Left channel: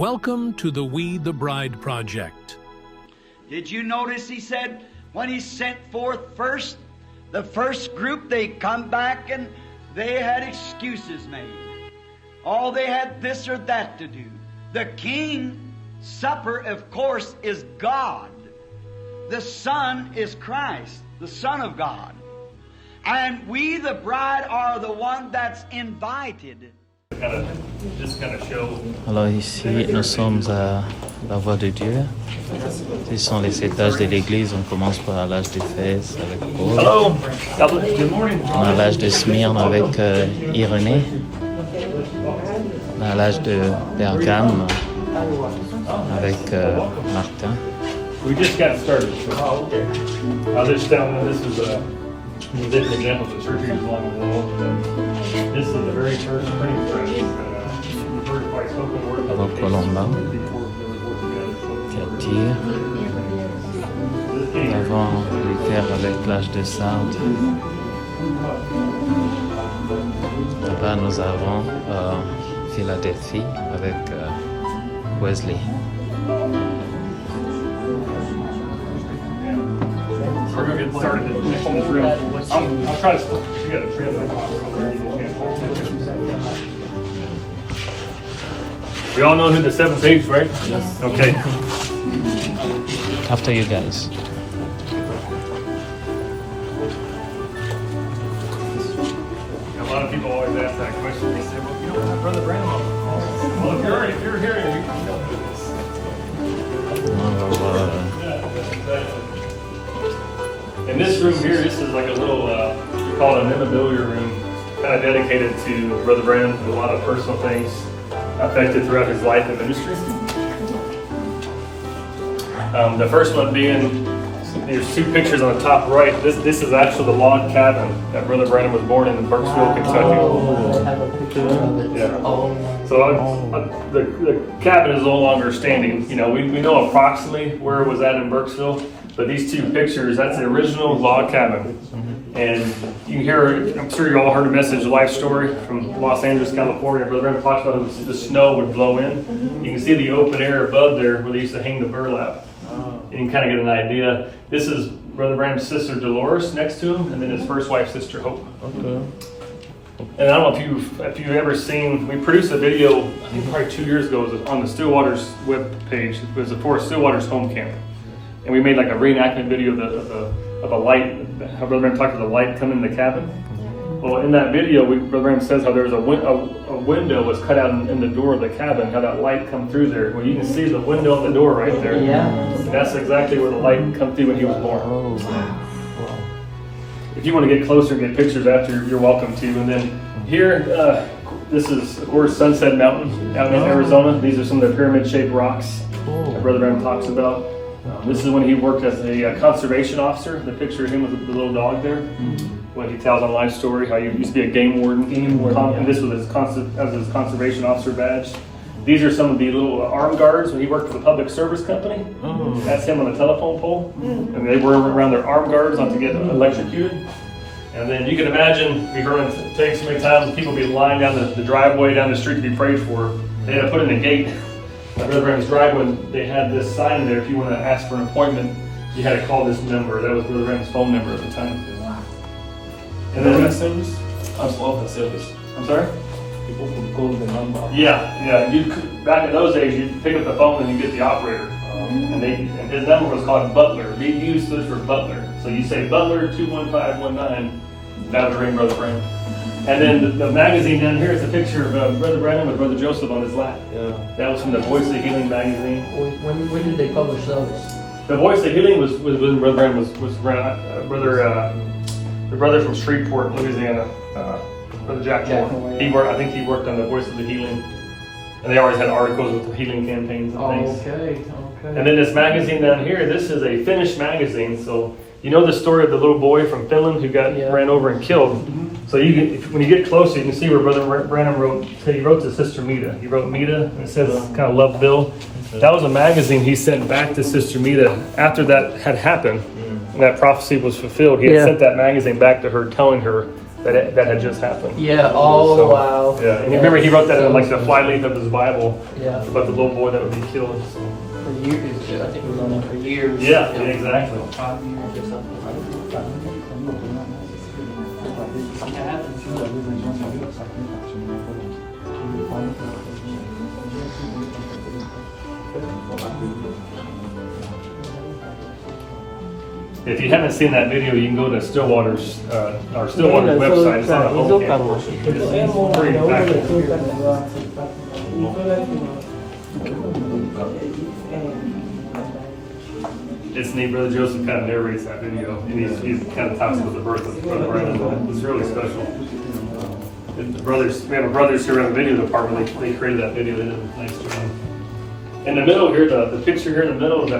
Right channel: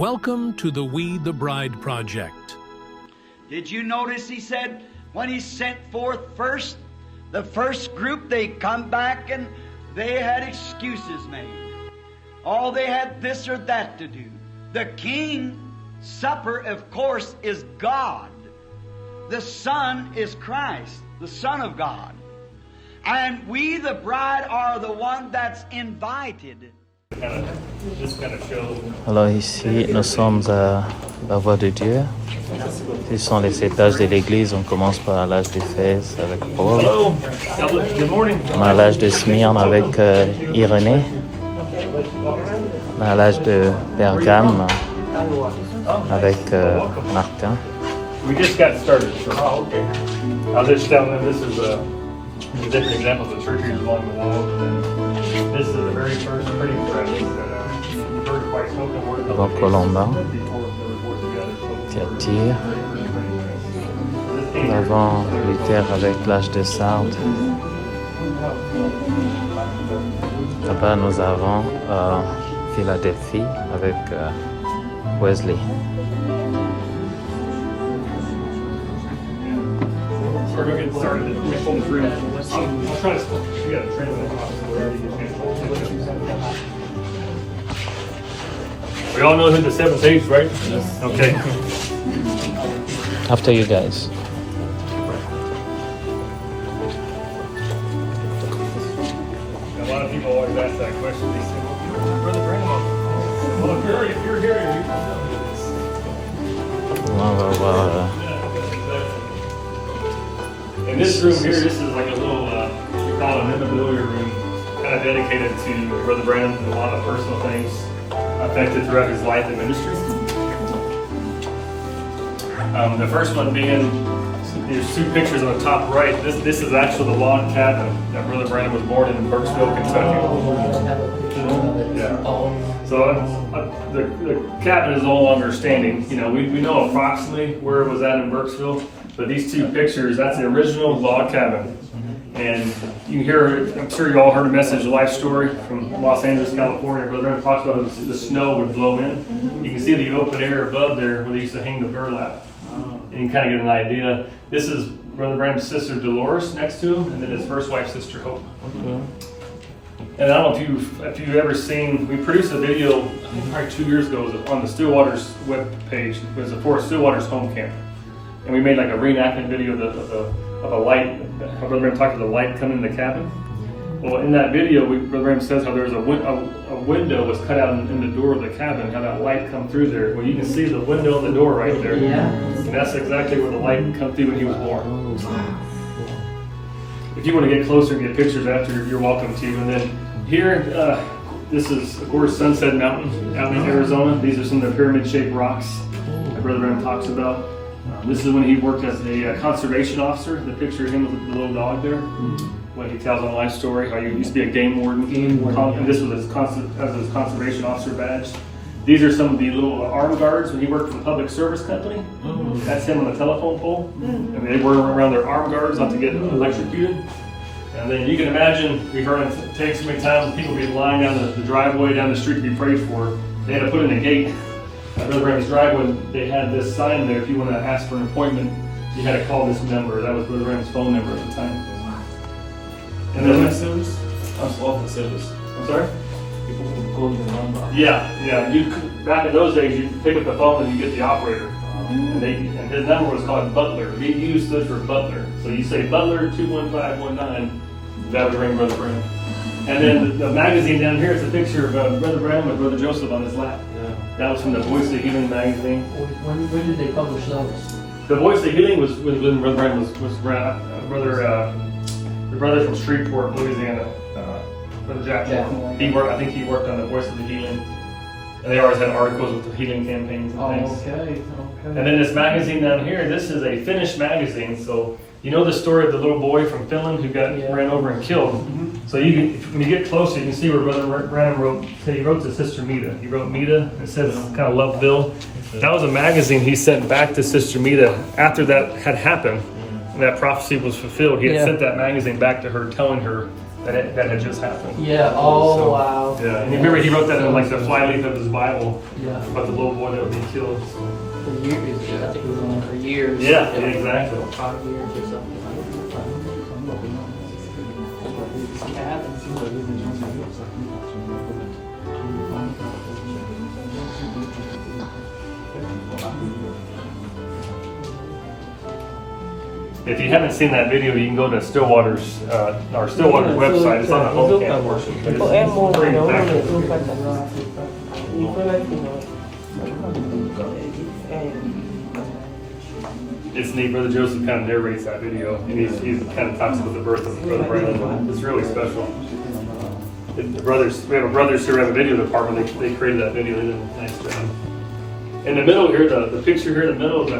Welcome to the We the Bride Project. Did you notice he said when he sent forth first, the first group, they come back and they had excuses made. Oh, they had this or that to do. The King's Supper, of course, is God. The Son is Christ, the Son of God. And we, the bride, are the one that's invited. Alors ici, nous sommes à la voix de Dieu. Ici sont les étages de l'église. On commence par l'âge d'Éphèse avec Paul. On a l'âge de Smyrne avec Irénée. On a l'âge de Pergame avec Martin. We just got started. So, I'll just tell them this is an example of the church here along the wall. This is the very first printing press. The first white spoken word. Alors Colomba, Tati, devant Luther avec l'âge de Sainte. Là-bas nous avons Philadelphie avec Wesley. We're going to get started. I'll try to get a translation. We all know who the seventh age, right? Yes. Okay. After you guys. A lot of people always ask that question. They say, well, you don't have Brother Branham on. Well, if you're here, you know this. In this room here, this is like a little, we call it a memorabilia room, kind of dedicated to Brother Branham and a lot of personal things affected throughout his life and ministry. The first one being, there's two pictures on the top right. This is actually the log cabin that Brother Branham was born in Burkesville, Kentucky. Yeah. So the cabin is no longer standing. You know, we know approximately where it was at in Burkesville, but these two pictures, that's the original log cabin. And you can hear, I'm sure you all heard a message, a life story from Los Angeles, California. Brother Branham talks about the snow would blow in. You can see the open air above there where they used to hang the burlap. You can kind of get an idea. This is Brother Branham's sister Dolores next to him, and then his first wife, Sister Hope. Okay. And I don't know if you've ever seen, we produced a video, I think probably 2 years ago, it was on the Stillwater's web page. It was for Stillwater's home camp. And we made like a reenactment video of a light, how Brother Branham talked about the light coming in the cabin. Well, in that video, Brother Branham says how there was a window was cut out in the door of the cabin, how that light come through there. Well, you can see the window and the door right there. Yeah. And that's exactly where the light come through when he was born. If you want to get closer and get pictures after, you're welcome to. And then here, this is, of course, Sunset Mountain out in Arizona. These are some of the pyramid-shaped rocks that Brother Branham talks about. This is when he worked as a conservation officer. The picture of him with the little dog there. When he tells on life story how he used to be a game warden. And this was his conservation officer badge. These are some of the little armed guards when he worked for the public service company. That's him on the telephone pole. And they were around their armed guards not to get electrocuted. And then you can imagine, we've heard it take so many times, people be lying down the driveway, down the street to be prayed for. They had to put in a gate. At Brother Branham's driveway, they had this sign there. If you want to ask for an appointment, you had to call this number. That was Brother Branham's phone number at the time. And then that service? I love the service. I'm sorry? People would call the number. Yeah. You could, back in those days, you'd pick up the phone and you get the operator. And his number was called Butler. He used this for Butler. So you say Butler 21519. That would ring Brother Branham. And then the magazine down here is a picture of Brother Branham and Brother Joseph on his lap. Yeah. That was from the Voice of Healing magazine. When did they publish those? The Voice of Healing was when Brother Branham was the brother from Shreveport, Louisiana, Brother Jack Moore. I think he worked on the Voice of the Healing. And they always had articles with the healing campaigns and things. Okay. And then this magazine down here, this is a Finnish magazine. So you know the story of the little boy from Finland who got ran over and killed. So when you get closer, you can see where Brother Branham wrote to Sister Mita. He wrote Mita, and it says kind of love Bill. That was a magazine he sent back to Sister Mita after that had happened, and that prophecy was fulfilled. He had sent that magazine back to her, telling her that had just happened. Yeah, oh wow. Yeah, and you remember he wrote that in like the flyleaf of his Bible Yeah. about the little boy that would be killed. For years, I think it was on for years. Yeah, exactly. 5 years or something like that. If you haven't seen that video, you can go to Stillwater's website. It's on the homepage portion. It's pretty It's neat. Brother Joseph kind of narrates that video, and he's kind of talks about the birth of Brother Branham. It's really special. We have a brothers who are in the video department. They created that video. They did a nice job. In the middle here, the picture here in the middle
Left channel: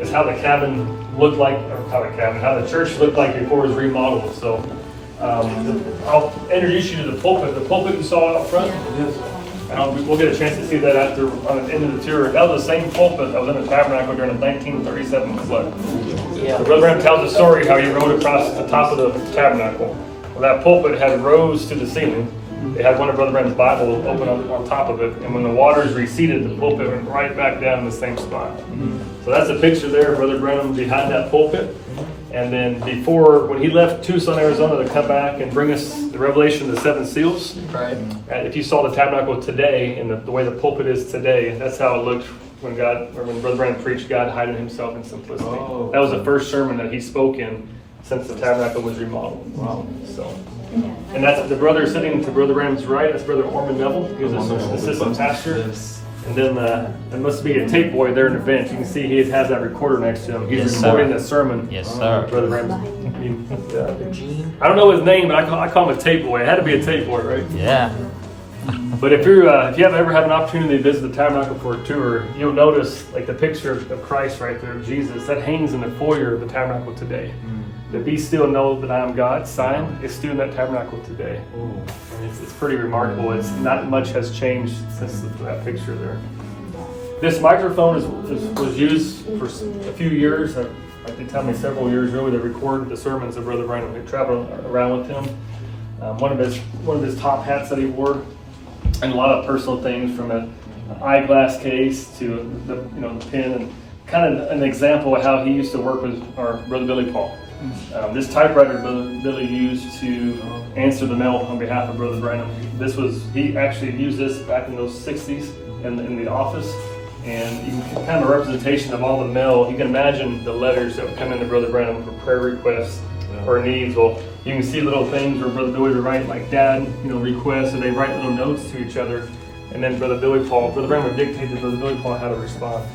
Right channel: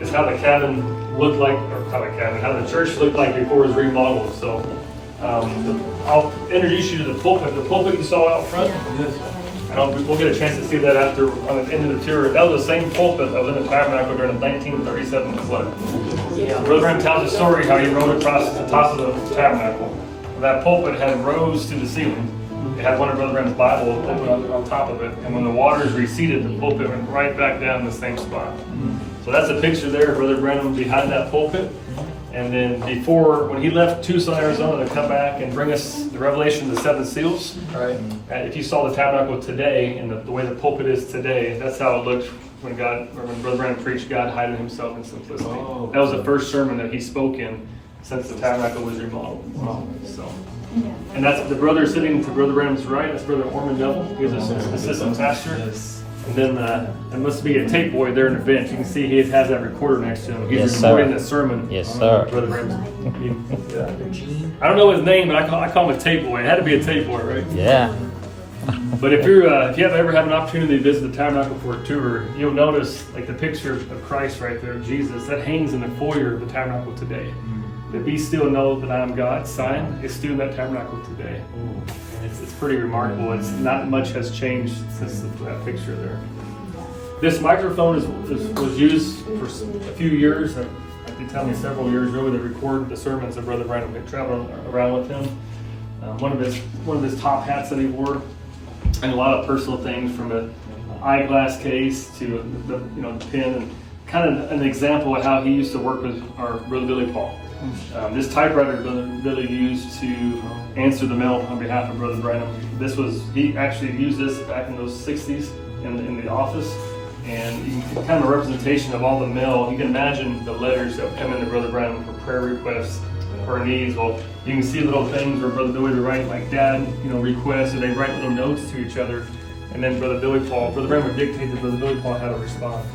is how the cabin looked like, or how the church looked like before it was remodeled. So I'll introduce you to the pulpit. The pulpit you saw out front, and we'll get a chance to see that after on the end of the tour. That was the same pulpit that was in the tabernacle during the 1937 flood. So Brother Branham tells the story how he rode across the top of the tabernacle. Well, that pulpit had rows to the ceiling. It had one of Brother Branham's Bibles open on top of it, and when the waters receded, the pulpit went right back down in the same spot. So that's a picture there of Brother Branham behind that pulpit. And then when he left Tucson, Arizona to come back and bring us the revelation of the 7 seals, Right. if you saw the tabernacle today and the way the pulpit is today, that's how it looked when Brother Branham preached God hiding himself in simplicity. Oh. That was the first sermon that he spoke in since the tabernacle was remodeled. Wow. So, and that's the brother sitting to Brother Branham's right. That's Brother Orman Neville. He's an assistant pastor. And then there must be a tape boy there in the bench. You can see he has that recorder next to him. He's recording the sermon. Yes, sir. Brother Branham. I don't know his name, but I call him a tape boy. It had to be a tape boy, right? Yeah. But if you have ever had an opportunity to visit the tabernacle for a tour, you'll notice like the picture of Christ right there, Jesus, that hangs in the foyer of the tabernacle today. The "Be still, know that I am God" sign is still in that tabernacle today. It's pretty remarkable. It's not much has changed since that picture there. This microphone was used for a few years. They tell me several years really to record the sermons of Brother Branham. They traveled around with him. One of his top hats that he wore, and a lot of personal things from an eyeglass case to the pen, and kind of an example of how he used to work with our Brother Billy Paul. This typewriter Brother Billy used to answer the mail on behalf of Brother Branham. He actually used this back in those 60s in the office, and you can kind of a representation of all the mail. You can imagine the letters that would come into Brother Branham for prayer requests or needs. Well, you can see little things where Brother Billy would write like "Dad," requests, and they write little notes to each other, and then Brother Branham would dictate to Brother Billy Paul how to respond.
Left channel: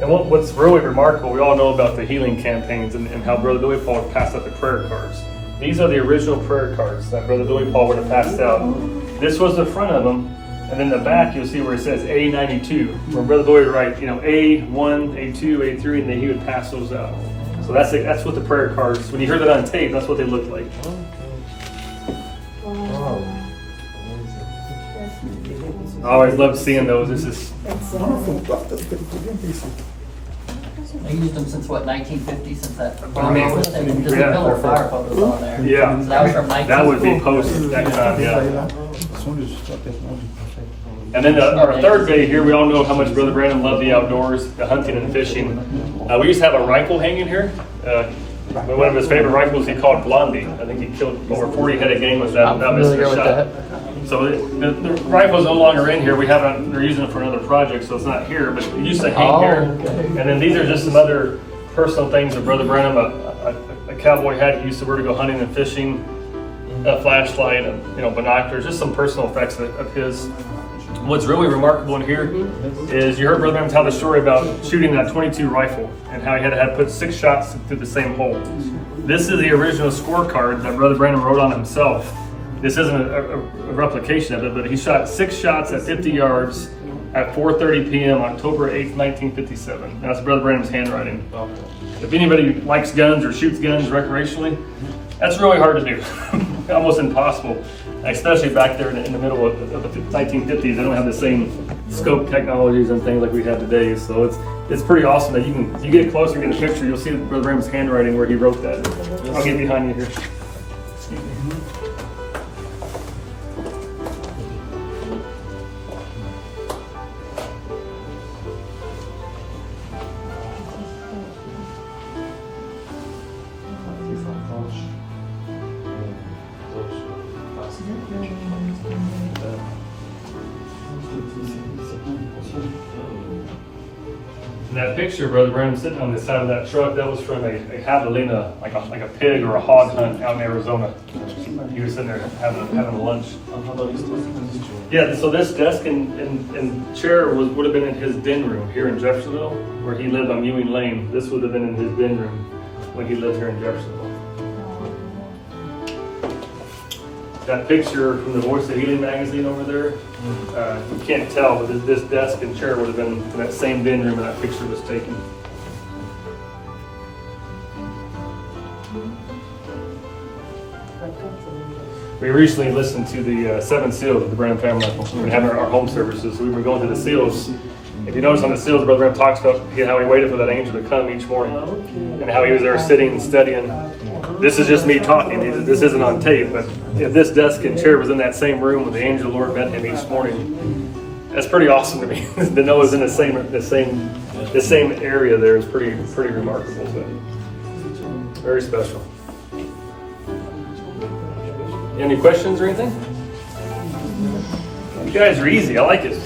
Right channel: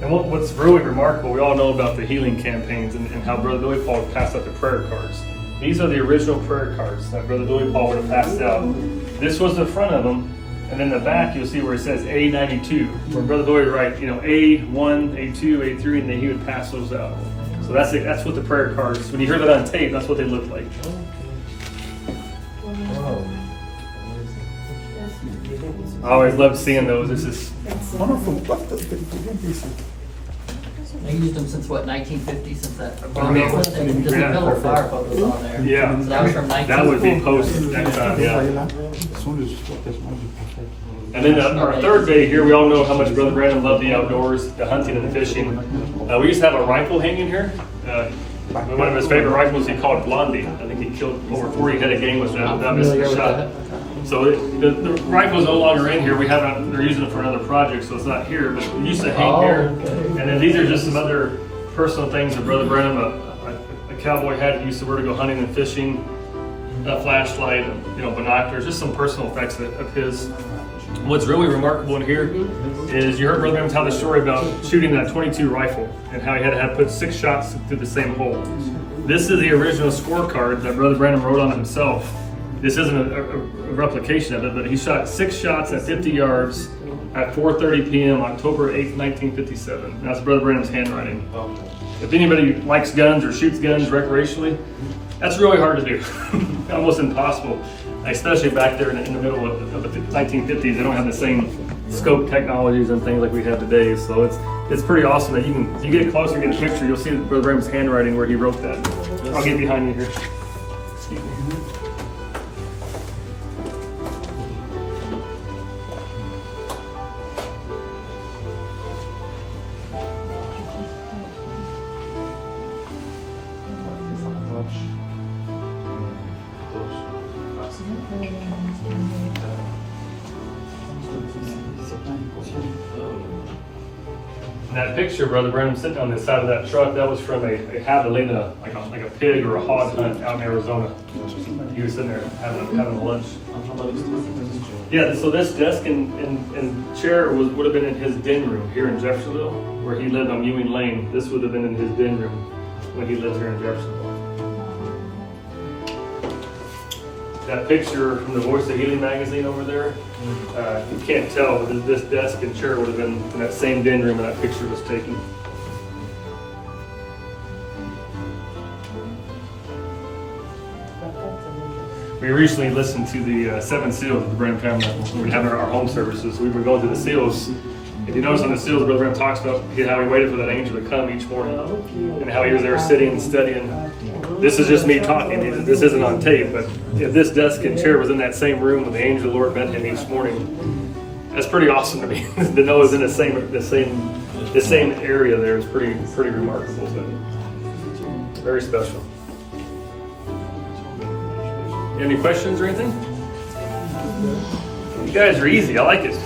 And what's really remarkable, we all know about the healing campaigns and how Brother Billy Paul passed out the prayer cards. These are the original prayer cards that Brother Billy Paul would have passed out. This was the front of them, and then the back you'll see where it says A92, where Brother Billy would write, A1, A2, A3, and then he would pass those out. So that's what the prayer cards, when you hear that on tape, that's what they look like. I always love seeing those. This is They used them since what, 1950, since that. Just a yeah. pillar fire photos on there. Yeah. So that was from That would be post that time, yeah. And then our third day here, we all know how much Brother Branham loved the outdoors, the hunting and fishing. We used to have a rifle hanging here. One of his favorite rifles he called Blondie. I think he killed over 40 head of game with that without missing a shot. So the rifle's no longer in here. They're using it for another project, so it's not here. But it used to hang here. And then these are just some other personal things that Brother Branham, a cowboy hat he used to wear to go hunting and fishing, a flashlight, binoculars, just some personal effects of his. What's really remarkable in here is you heard Brother Branham tell the story about shooting that .22 rifle and how he had to put 6 shots through the same hole. This is the original scorecard that Brother Branham wrote on himself. This isn't a replication of it, but he shot 6 shots at 50 yards at 4:30 p.m. October 8th, 1957. That's Brother Branham's handwriting. If anybody likes guns or shoots guns recreationally, that's really hard to do. Almost impossible. Especially back there in the middle of the 1950s, they don't have the same scope technologies and things like we have today. So it's pretty awesome that you get closer and get a picture, you'll see Brother Branham's handwriting where he wrote that. I'll get behind you here. Excuse me. And that picture, Brother Brenham sitting on the side of that truck, that was from a javelina, like a pig or a hog hunt out in Arizona. He was sitting there having lunch. Yeah, so this desk and chair would have been in his den room here in Jeffersonville, where he lived on Ewing Lane. This would have been in his den room when he lived here in Jeffersonville. That picture from the Voice of Healing magazine over there, you can't tell, but this desk and chair would have been in that same den room that picture was taken. We recently listened to the 7 seals of the Branham family. We were having our home services. We were going through the seals. If you notice on the seals, Brother Branham talks about how he waited for that angel to come each morning and how he was there sitting and studying. This is just me talking. This isn't on tape, but if this desk and chair was in that same room when the angel of the Lord met him each morning, that's pretty awesome to me. To know it's in the same area there is pretty remarkable. So very special. Any questions or anything? You guys are easy. I like it.